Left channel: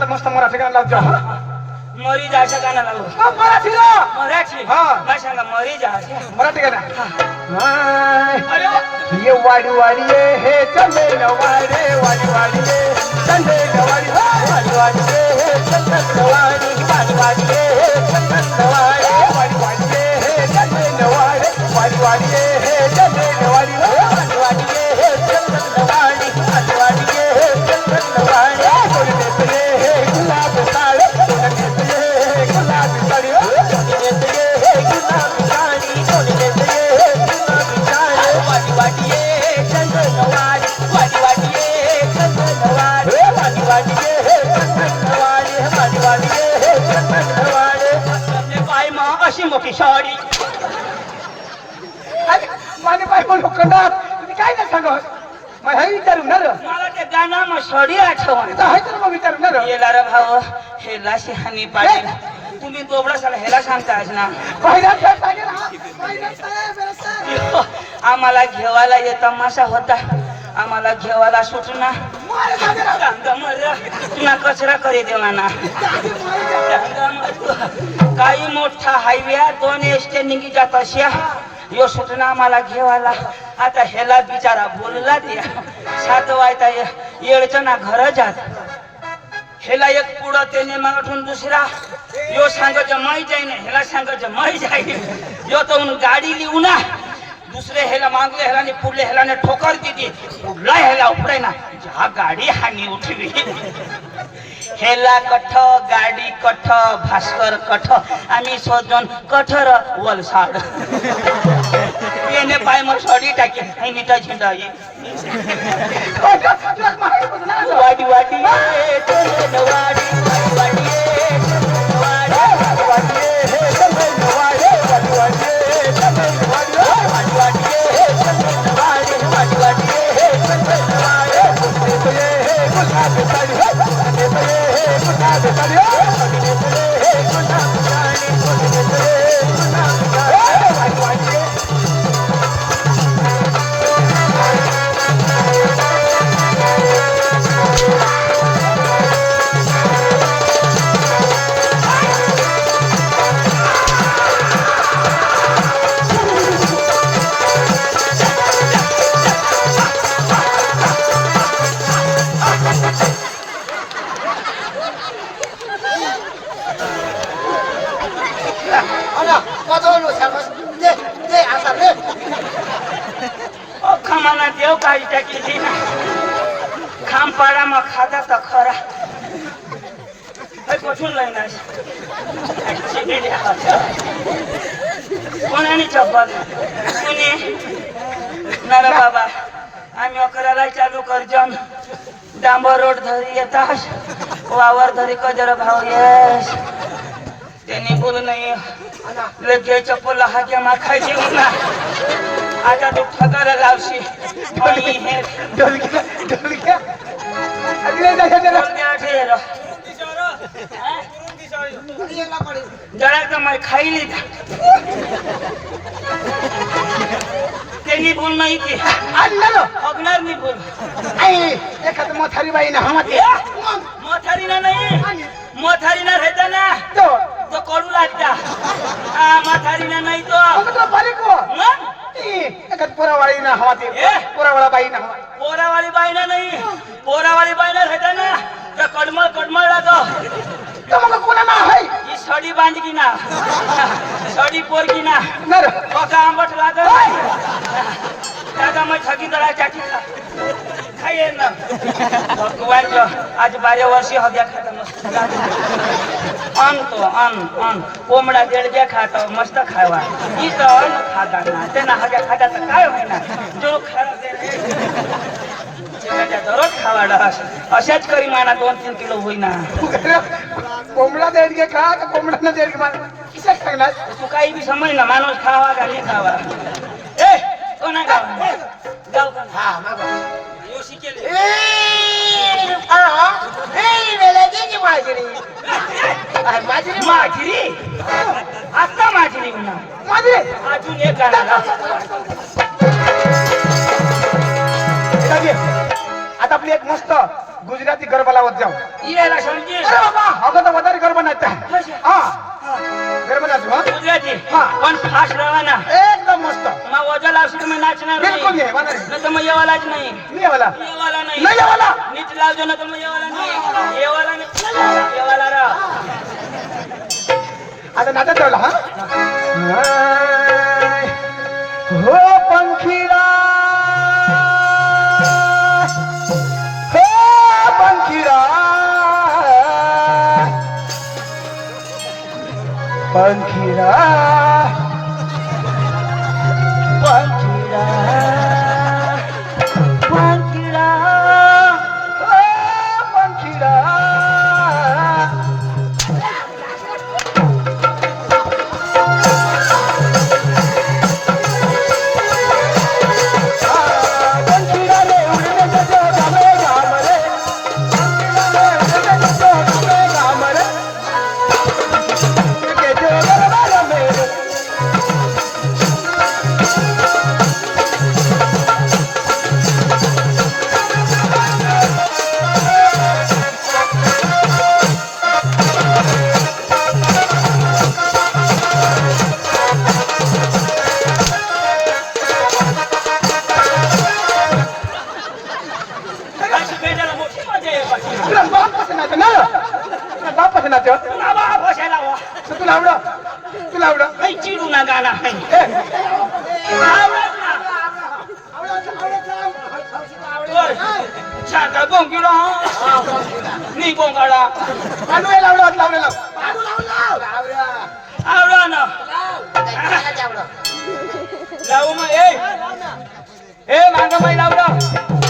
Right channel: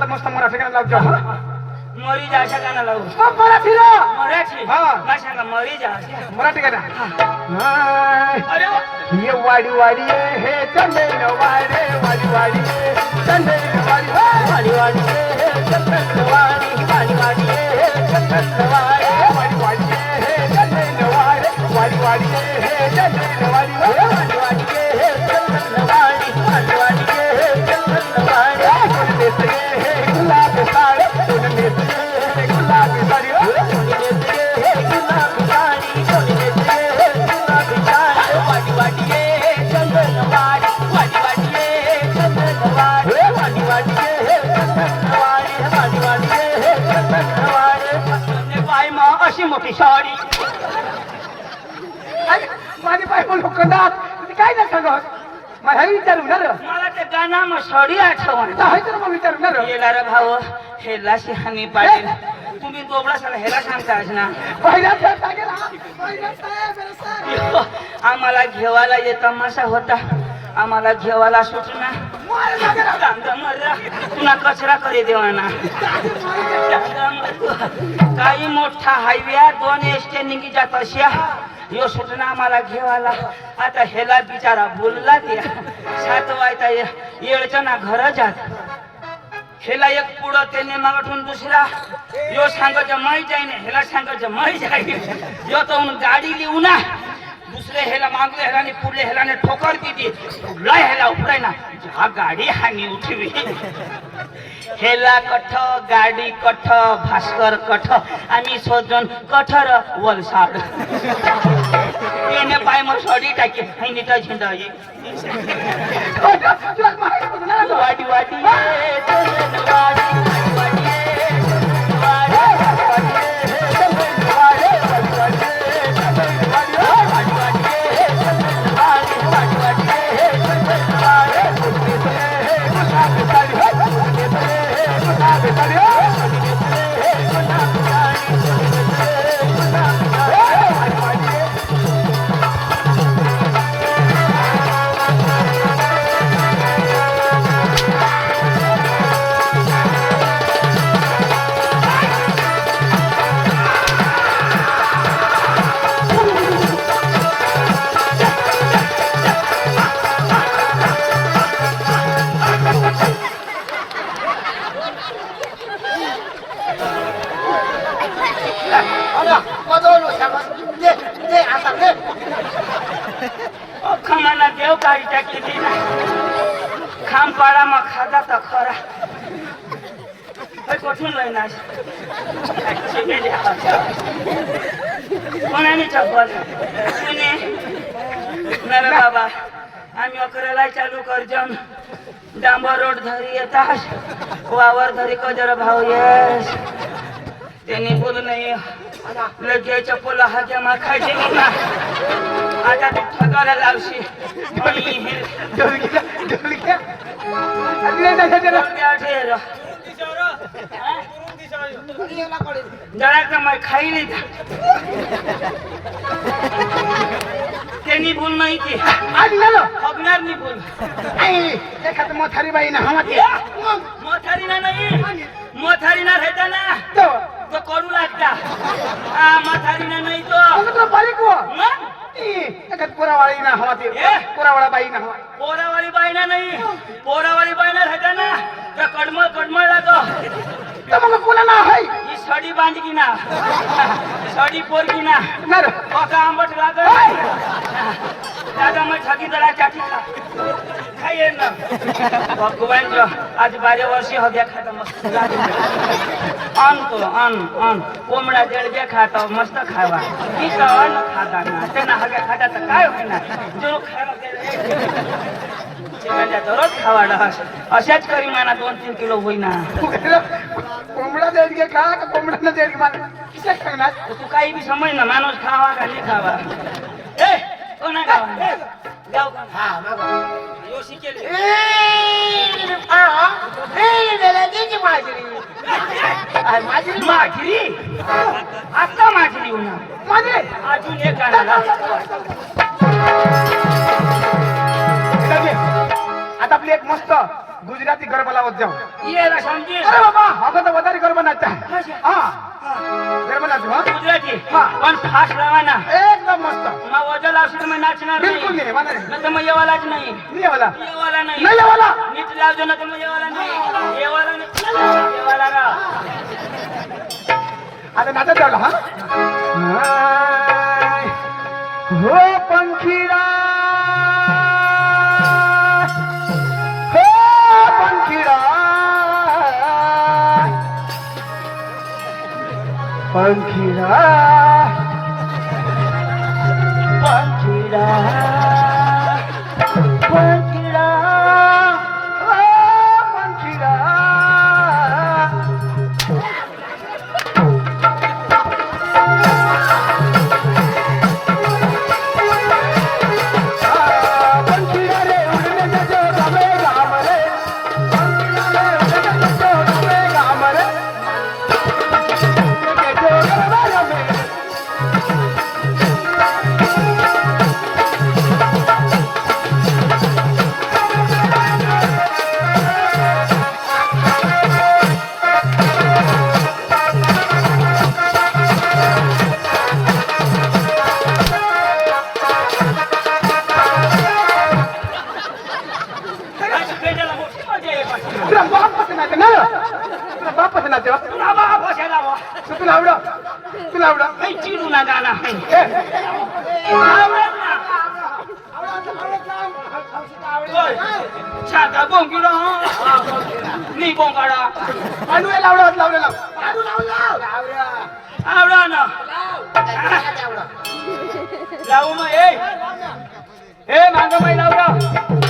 आता मस्त मराठी गाणं लावतो मरी जायच्या गाणं लावू मराठी मराठी हा. काय सांगा मरी जायच्या मराठी गाणं अरे वा. ये वाडी वाडी ये हे चंदे नवाडे वाडी वाडी ये चंदे नवाडी वाडी वाडी ये हे चंदे नवाडी वाडी वाडी ये हे चंदे नवाडी वाडी वाडी ये हे चंदे नवाडी वाडी वाडी ये हे चंदे नवाडी वाडी वाडी ये हे चंदे नवाडी वाडी वाडी ये हे चंदे नवाडी कोण देते हे गुलाब साडी कोण देते हे गुलाब साडी कोण देते हे गुलाब साडी कोण देते हे गुलाब साडी वाडी वाडी ये चंदे नवाडी वाडी वाडी ये चंदे नवाडी वाडी वाडी ये चंदे नवाडी वाडी वाडी ये चंदे नवाडी तुमने पाय मा अशी मोठी साडी माझे पाय पण लोखंडात तुम्ही काय नाही सांगत मला विचारू ना रे मला ते गाणं मग साडी आठवण आहे तर मग विचारू ना रे येला रे भाऊ हेला शिहानी पाटील तुम्ही दोबडा साला हेला सांगतास ना पहिला खेळ सांगेल हा पहिला साहेब मेरा साहेब आम्हाला घेवायला ये तमाशा होता आम्हाला घेवायला सुटना मारे जागे ना तुला कचरा करी देवाना काही मोठा हायवे दोन एसटे निघी जात अशा यो सुटना मला घेवायला आता हेला बिचारा बोलला द्या 7 वाजता येळच्या ना घर जात हेला एक पुढं त्याने मागून दुसरा यो सांगायचं मै जाईन हेला सांगायचं मै जाईन यो तो गाडी लिहू ना दुसरे हेला मागले हेलाने पुढले हेलाने ठोकर दिली पुढला हेला उपडाय ना हा गाडी हानी उठवी हेला कठ गाडी कठ भास्कर कठ आम्ही सोजून कठर वलसाड येणे पाय मग सोडी टाके हे नीटा झेंडा ये वाडी वाडी खमाना देव काही टाकली ना खाम पाडा मग खाजा तर खरा कुठून लग्न कोणाने चप्पल कुणी ना बाबा आम्ही 11ला चालू करजन डांबर रोड धरी येतात वावर धरी कजर भाऊ येस त्यांनी बोलू नाही लगे चप्पल हाग्या मा खायचे ना आता तू ठगायला लावशी जरा तर मग खाईली त्यांनी बोल नाही की हगणार मी बोल एखाद मोथारी बाई ना मोथारी ना नाही मोथारी ना रहता ना तो करू लागता मोथारी ना नाही तो पोरावाळी ना हवा ते पोरावाळा बाई ना हवा पोरावाली बाई ना नाही पोरावाली बाई ना रहता ना तो कडमळ कडमळ लागो मग कोणा ना हाय ही सडी बांधकी ना सडी पोरकी ना ओका आंबट लागो दादा मैं ठगी दळा चाटी खा खाइए ना भगवान जो आज 12 वर्ष हो गया खाता अन कोंबडा देडग्या खाता मस्त खावा ई तो अन्न खाता ना तेना हग्या खाता तर काय होय ना जो खायला दे दररोज खावाडा अशाच करी माना 2-3 किलो होईना कोंबडा देडगे खा का कोंबडा न देडगे माना किसा खाणार तू काही बी समज ना माणूस खावा का नाही खावा ए कोणा गावा गाव का हा मागो यो शिकेले माझी आता माझी उन्हा माझे अजून एक गाणं आता आपली एक मस्त गुजराती गरबा लावत जाऊ याला समजे अरे बाबा अगं तर वधारे गरबा नाही हा गरबा नाचू हा गुजराती हा. पण फास्ट लावा ना एकदम मस्त मग वजा लावशील मी नाचणार बिलकुल नाही नाही वधारे नाही तर मग येवालाच नाही नाही वाला येवाला नाही नाही वाला नीट लावજો ना तर मग येवाला नाही येवाला नाही येवाला राव आता नाचत जाऊ हा हो पंखीरा हो पंखीरा पंखीरा पंखीरा पंखीरा ओ पंखीरा पंखीरा रे उडने जातो गामे गामरे पंखीरा रे उडने जातो गामे गामरे के जो गरबा मेरे आज बेटाला मोठी मजा आहे बाकी. तुला बाप पसंत ना तुला बाप पसंत तुला बा बसायला वा तुला आवडं काही चिडू ना गाणं आहे बर. छाता बोंगिला नी बोंगाडा आवडा ना लावू मग ए मांगा माई लावला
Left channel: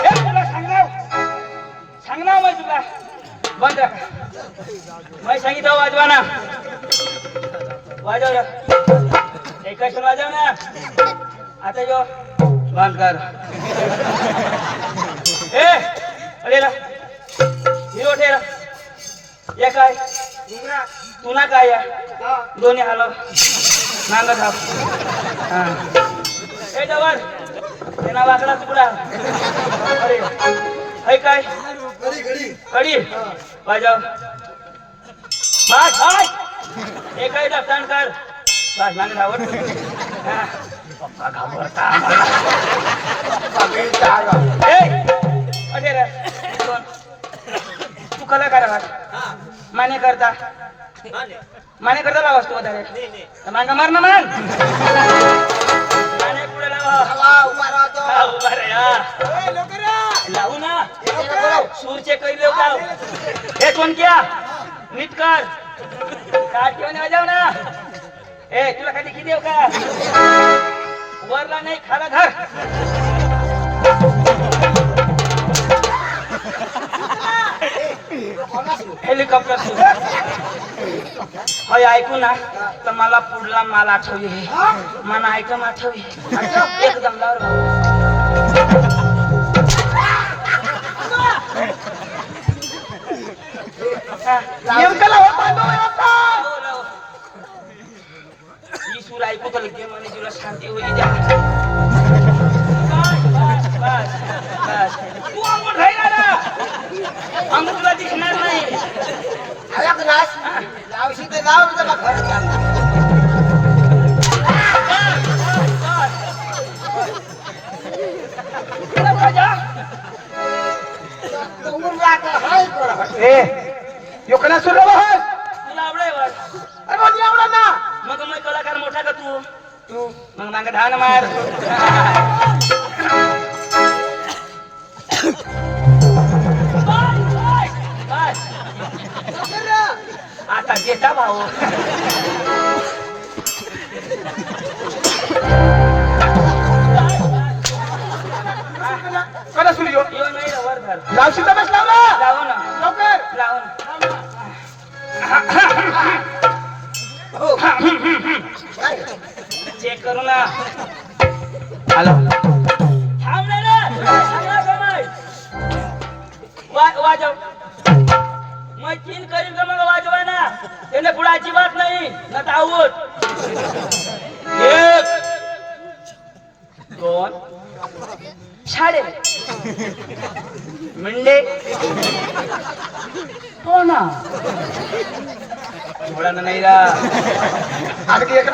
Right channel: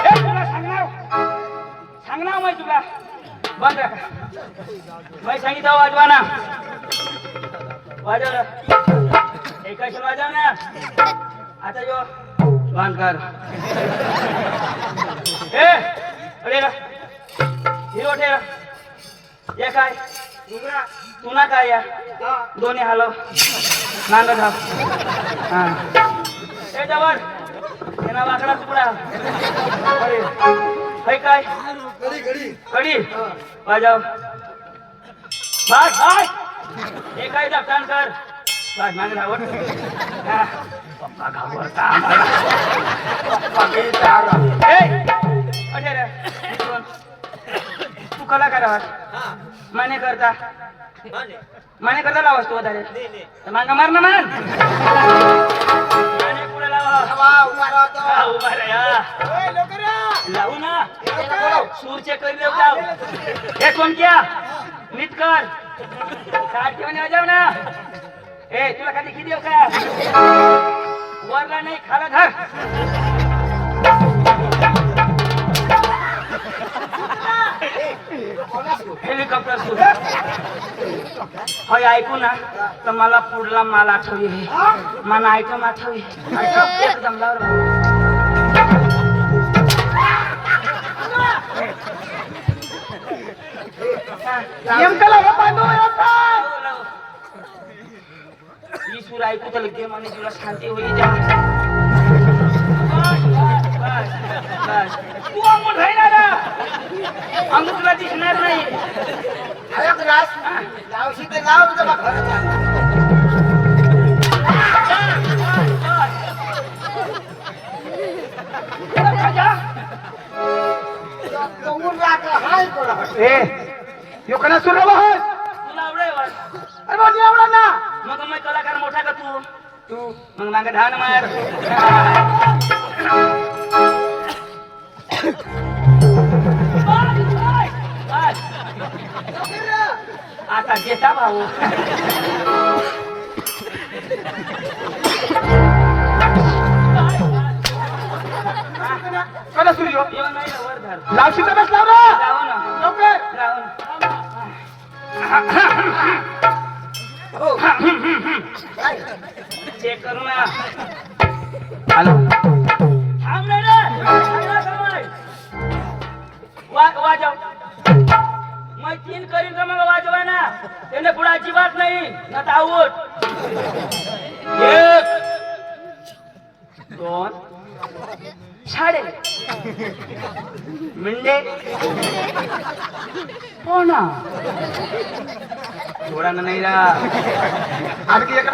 ए तुला सांगणार माई तुला बंद माई सांगितलं वाजवा ना वाजव एकच वाजव ना आता जो बंद कर ए अरे ना हिरो ठेरा या काय तू ना काय या दोन्ही हलव मांगा धाव हा ए जवळ येना वाकडा तुकडा अरे है काय कडी वाजव बस एकाही दफ्तान कर बस मागे धावत हा. पप्पा घाबरता ए अरे रे कोण? तू कलाकार आवाज माने करता लावास तू वधारे मांगा मार ना मान माने पुढे लावा उभा रे हा. लावू ना सूरचे कैले लाव हे कोण क्या नीट कर काट घेऊन जाऊ ना ए तुला खाली किती देऊ का वरला नाही खाला धर हेलिकॉप्टर सुरू होय ऐकू ना तर मला पुढला माल आठवली मला ऐकून आठवली एकदम ही सूर ऐकू तर लगे माने तुला शांती होईल तू अंगून राहिला ना अंगून तुला दिसणार नाही लावशी तर लाव यो कना सुरू बस तुला आवडाय वाट अरे माझी आवडा ना मग मग कलाकार मोठा का तू मग मागे धान मार आता देता भाऊ कना सुरू यो यो नाही वर धर लावशी तर बस लाव ना लावू ना लवकर लावू ना चेक करू ना हॅलो थांब रे वाजव मैं तीन करीन का मग वाजवाय ना त्याने पुढे अजिबात नाही ना ताऊत एक दोन साडे मिंडे हो ना थोडा नाही रा आणखी एक